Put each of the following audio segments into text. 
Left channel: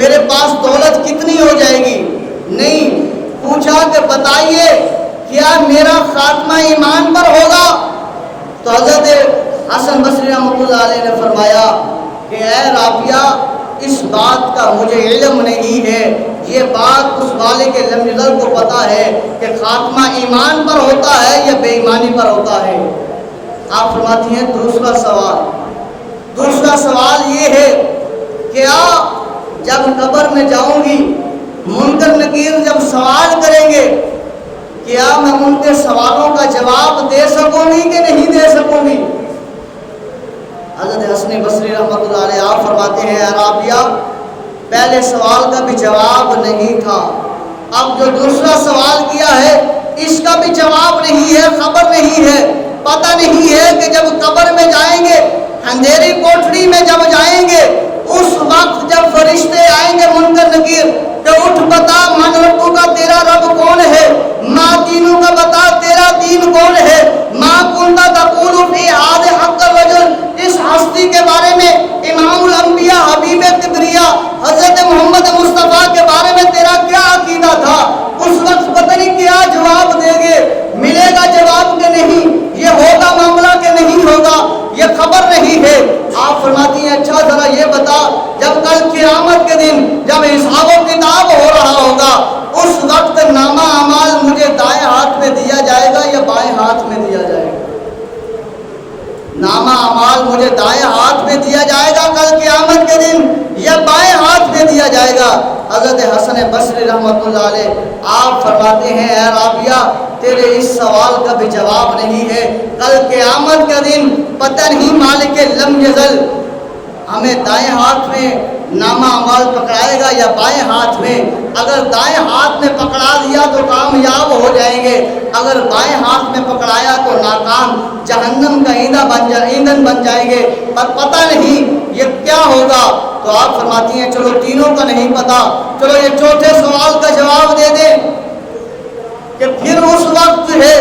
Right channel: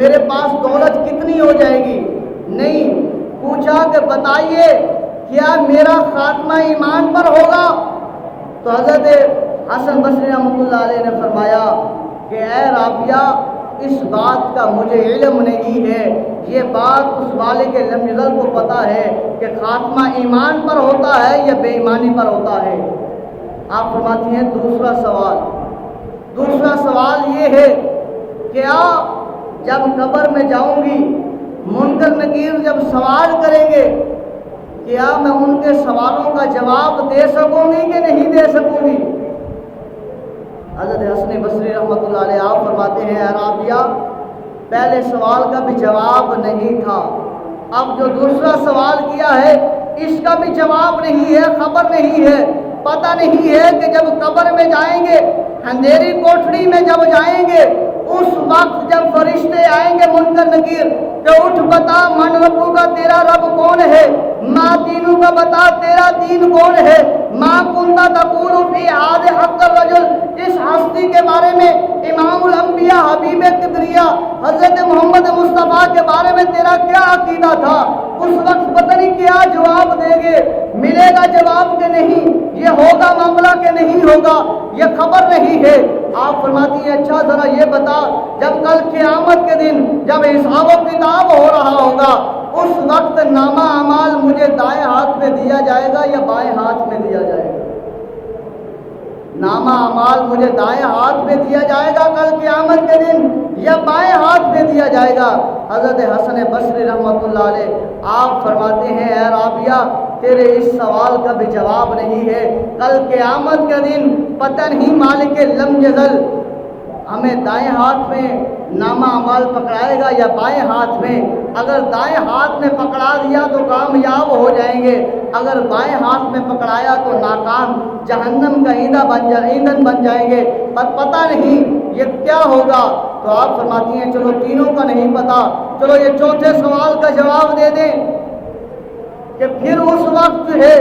میرے پاس دولت کتنی ہو جائے گی؟ نہیں، پوچھا کہ بتائیے کیا میرا خاتمہ ایمان پر ہوگا؟ تو حضرت حسن بصری رحمۃ اللہ علیہ نے فرمایا کہ اے رابعہ، اس بات کا مجھے علم نہیں ہے، یہ بات اس والے کے لم یزل کو پتہ ہے کہ خاتمہ ایمان پر ہوتا ہے یا بے ایمانی پر ہوتا ہے۔ آپ فرماتی ہیں دوسرا سوال یہ ہے، کیا جب قبر میں جاؤں گی منکر نکیر جب سوال کریں گے، کیا میں ان کے سوالوں کا جواب دے سکوں گی کہ نہیں دے سکوں گی؟ حضرت حسن بصری رحمۃ اللہ علیہ آپ فرماتے ہیں، اے رابعہ، پہلے سوال کا بھی جواب نہیں تھا، اب جو دوسرا سوال کیا ہے اس کا بھی جواب نہیں ہے، خبر نہیں ہے، پتہ نہیں ہے کہ جب قبر میں جائیں گے، اندھیری کوٹھڑی میں جب جائیں گے، اس وقت جب فرشتے آئیں گے منکر نکیر کہ اٹھ بتا من ربو کا، تیرا رب کون ہے؟ ما دینوں کا، بتا تیرا دین کون ہے؟ ما کنتا تقول فی ہذا حق الرجل، اس ہستی کے بارے میں، امام الانبیاء حبیب کبریا حضرت محمد مصطفیٰ کے بارے میں تیرا کیا عقیدہ تھا؟ اس وقت پتہ نہیں کیا جواب دیں گے، ملے گا جواب کہ نہیں، یہ ہوگا معاملہ کہ نہیں ہوگا، یہ خبر نہیں ہے۔ آپ فرماتی ہیں اچھا ذرا یہ بتا، جب کل قیامت کے دن جب حساب و کتاب ہو رہا ہوگا، اس وقت نامہ اعمال مجھے دائیں ہاتھ میں دیا جائے گا یا بائیں ہاتھ میں دیا جائے گا؟ نامہ اعمال مجھے دائیں ہاتھ میں دیا جائے گا کل قیامت کے دن یا بائیں ہاتھ میں دیا جائے گا؟ حضرت حسن بصری رحمۃ اللہ علیہ آپ فرماتے ہیں، اے رابعہ، تیرے اس سوال کا بھی جواب نہیں ہے، کل قیامت کا دن پتہ نہیں مالک لم یزل ہمیں دائیں ہاتھ میں نامہ اعمال پکڑائے گا یا بائیں ہاتھ میں؟ اگر دائیں ہاتھ میں پکڑا دیا تو کامیاب ہو جائیں گے، اگر بائیں ہاتھ میں پکڑایا تو ناکام، جہنم کا ایندھن بن جائیں گے، پر پتہ نہیں یہ کیا ہوگا۔ تو آپ فرماتی ہیں چلو تینوں کا نہیں پتہ، چلو یہ چوتھے سوال کا جواب دے دیں کہ پھر اس وقت ہے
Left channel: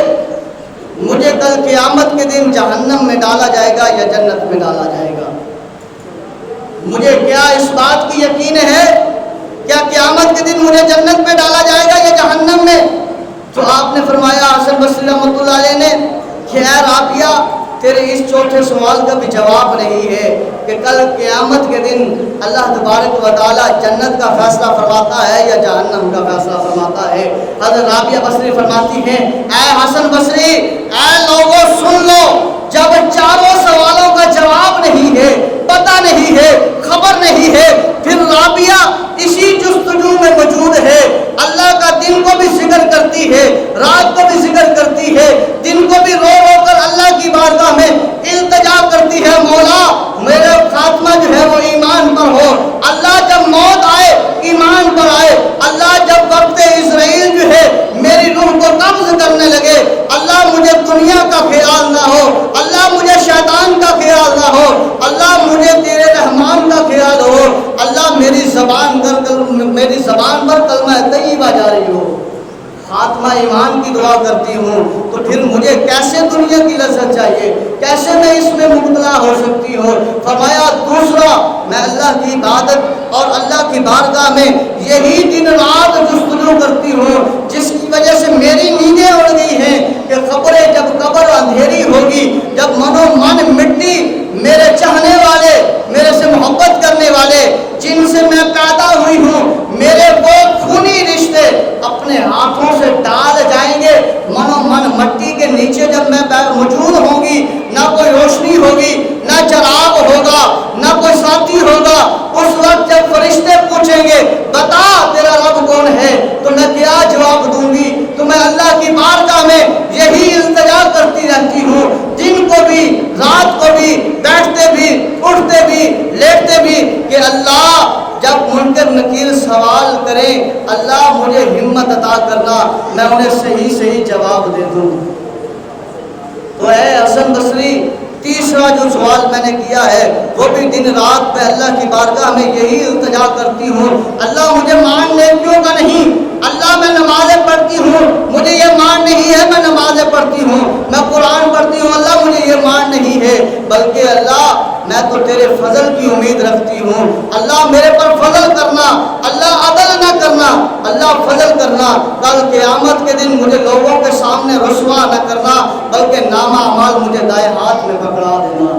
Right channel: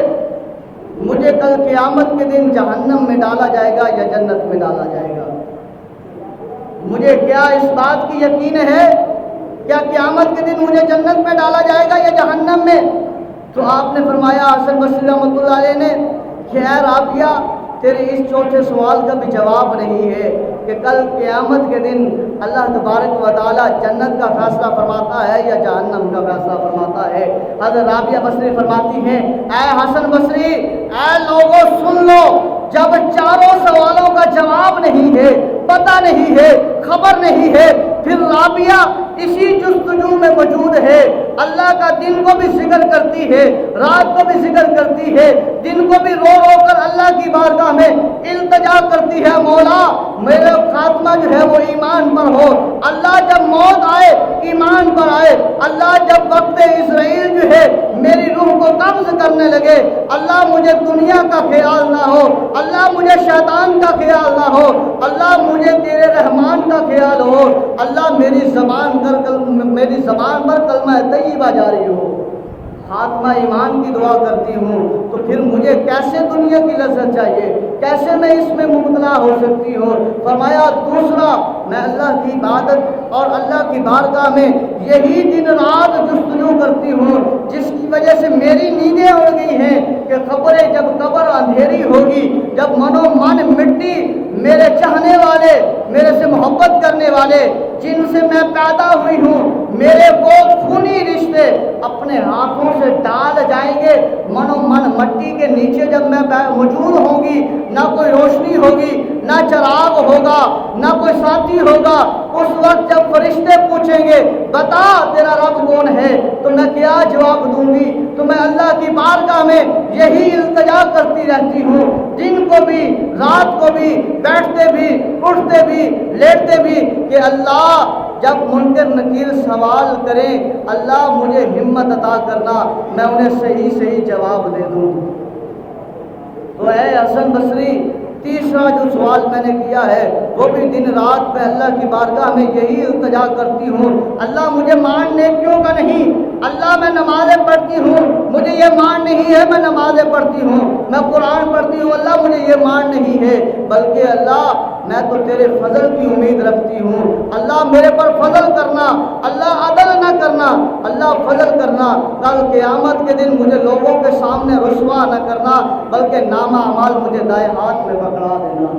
مجھے کل قیامت کے دن جہنم میں ڈالا جائے گا یا جنت میں ڈالا جائے گا؟ مجھے کیا اس بات کی یقین ہے کیا قیامت کے دن مجھے جنت میں ڈالا جائے گا یا جہنم میں؟ تو آپ نے فرمایا حسن بصری رحمۃ اللہ علیہ نے کہ اے رابعہ، تیرے اس چوتھے سوال کا بھی جواب نہیں ہے کہ کل قیامت کے دن اللہ تبارک و تعالیٰ جنت کا فیصلہ فرماتا ہے یا جہنم کا فیصلہ فرماتا ہے۔ حضرت رابعہ بصری فرماتی ہیں، اے حسن بصری، اے لوگوں سن لو، جب چاروں سوالوں کا جواب نہیں ہے، پتہ نہیں ہے، خبر نہیں ہے، پھر رابعہ اسی جستجو میں موجود ہے، اللہ کا دن کو بھی ذکر کرتی ہے، رات کو بھی ذکر کرتی ہے، دن کو بھی رو رو کر اللہ کی بارگاہ میں التجا کرتی ہے، مولا میرا خاتمہ جو ہے وہ ایمان پر ہو، اللہ جب موت آئے ایمان پر آئے، اللہ جب وقت اسرائیل جو ہے میری روح کو قبض کرنے لگے، اللہ مجھے دنیا کا خیال نہ ہو، اللہ مجھے شیطان کا خیال نہ ہو، اللہ مجھے تیرے رحمان کا خیال ہو، اللہ میری زبان پر کلمہ طیبہ جاری ہو، خاتمہ ایمان کی دعا کرتی ہوں، تو پھر مجھے کیسے دنیا کی لذت چاہیے، کیسے میں اس میں مبتلا ہو سکتی ہوں؟ فرمایا دوسرا، میں اللہ کی عبادت اور اللہ کی بارگاہ میں یہی دن رات جستجو کرتی ہوں، جس کی وجہ سے میری نیندیں اڑ گئی ہیں کہ خبریں جب قبر اندھیری ہوگی، جب منو من مٹی، میرے چاہنے والے، میرے سے محبت کرنے والے، جن سے میں پیدا ہوئی ہوں، میرے وہ خونی رشتے اپنے ہاتھوں سے ڈال جائیں گے، منو من مٹی کے نیچے جب میں موجود ہوں گی، نہ کوئی روشنی ہوگی، نہ چراغ ہوگا، نہ کوئی ساتھی ہوگا، اس وقت جب فرشتے پوچھیں گے بتا تیرا رب کون ہے، تو میں کیا جواب دوں گی؟ تو میں اللہ کی بارگاہ میں یہی التجا کرتی رہتی ہوں، دن کو بھی رات کو بھی، بیٹھتے بھی اٹھتے بھی لیٹتے بھی، کہ اللہ جب منکر نکیر سوال کریں، اللہ مجھے ہمت عطا کرنا، میں انہیں صحیح جواب دے دوں۔ تو اے حسن بصری، تیسرا جو سوال میں نے کیا ہے وہ بھی دن رات میں اللہ کی بارگاہ میں یہی التجا کرتی ہوں، اللہ مجھے مان نیکیوں کا نہیں، اللہ میں نمازیں پڑھتی ہوں، مجھے یہ مان نہیں ہے میں نمازیں پڑھتی ہوں، میں قرآن پڑھتی ہوں، اللہ مجھے یہ مان نہیں ہے، بلکہ اللہ میں تو تیرے فضل کی امید رکھتی ہوں، اللہ میرے پر فضل کرنا، اللہ عدل نہ کرنا، اللہ فضل کرنا، کل قیامت کے دن مجھے لوگوں کے سامنے رسوا نہ کرنا، بلکہ نامہ اعمال مجھے دائیں ہاتھ میں پکڑا دینا۔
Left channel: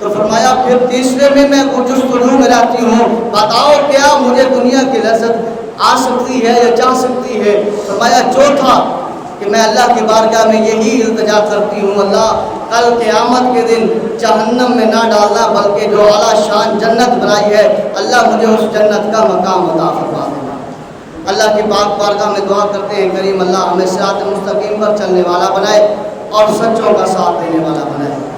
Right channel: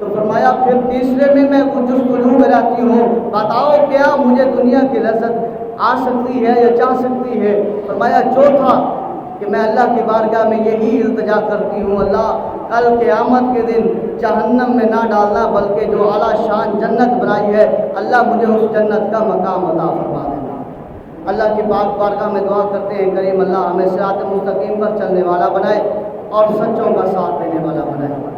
تو فرمایا پھر تیسرے میں جستجو میں رہتی ہوں، بتاؤ کیا مجھے دنیا کی لذت آ سکتی ہے یا جا سکتی ہے؟ فرمایا چوتھا کہ میں اللہ کی بارگاہ میں یہی التجا کرتی ہوں، اللہ کل قیامت کے دن جہنم میں نہ ڈالنا، بلکہ جو اعلیٰ شان جنت بنائی ہے اللہ مجھے اس جنت کا مقام عطا فرما دینا۔ اللہ کی پاک بارگاہ میں دعا کرتے ہیں کریم اللہ ہمیں صراط مستقیم پر چلنے والا بنائے اور سچوں کا ساتھ دینے والا بنائے۔